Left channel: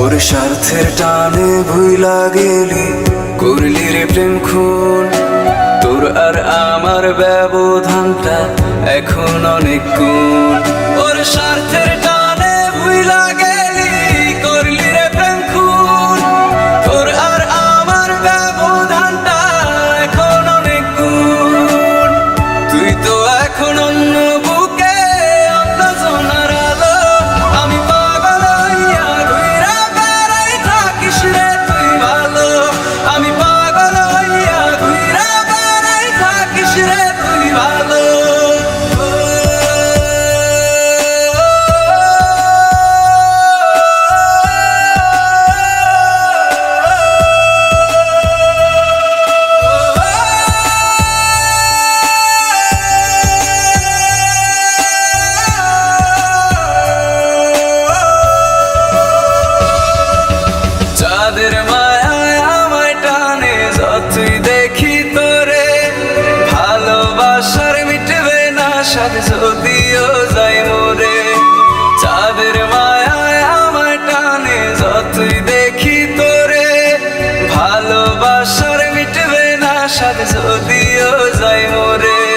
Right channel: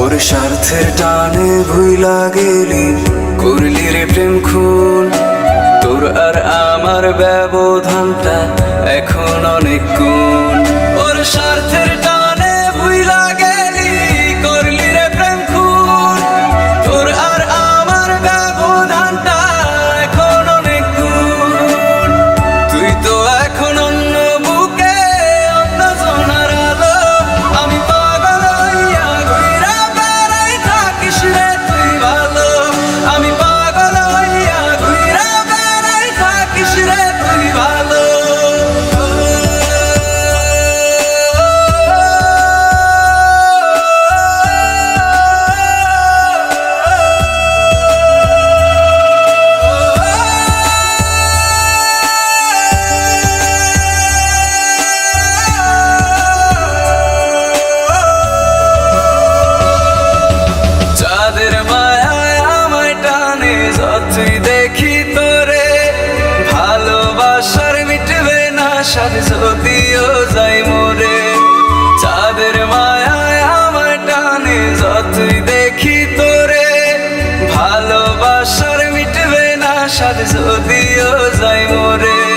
ওর স্বার্থের টানে ভুইলা গেলি, করলি রে প্রেম খুন। তোর আর আমার ব্যবধানটা এখন অনেক গুণ। ওর স্বার্থের রে ভালো। চাঁদের মায়ায় ভালোবাসার মিটবে না সাথে যদিও যাই মোরে। চাঁদের মায়ায় আমায় টানে, যতই দেখি তোরে। ভালোবাসার মিটবে না সাথে যদিও যাই মোরে।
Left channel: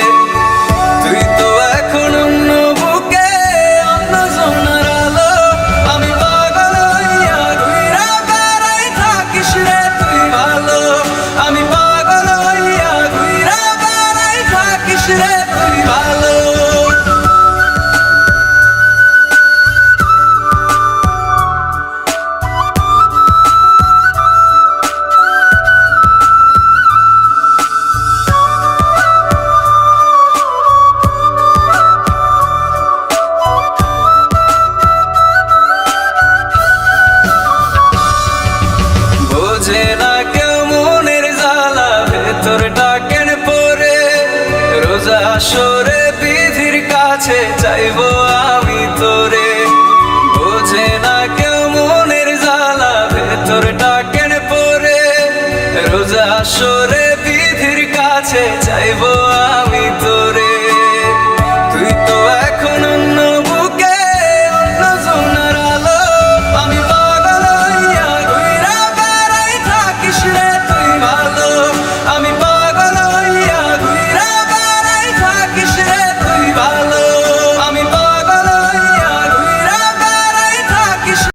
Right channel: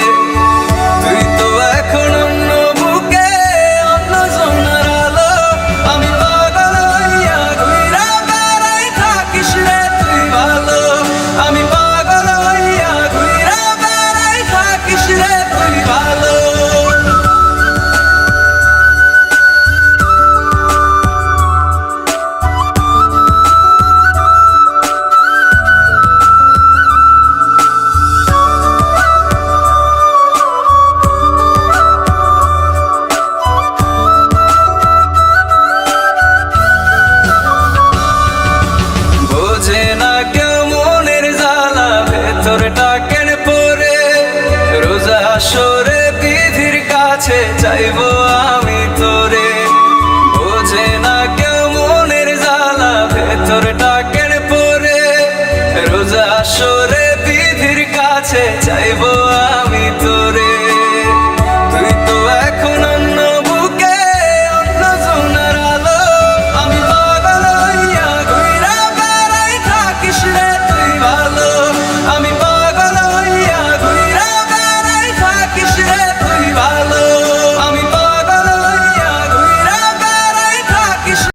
বোঝে না কেউ মনের জ্বালা ভেতরটা কেন পরে। রোজা সরে বিধির কাছে চাইব আমি তোরে। না ভেতরটা কেন পরে। রোজা সরে বিধির কাছে চাইব আমি তোরে।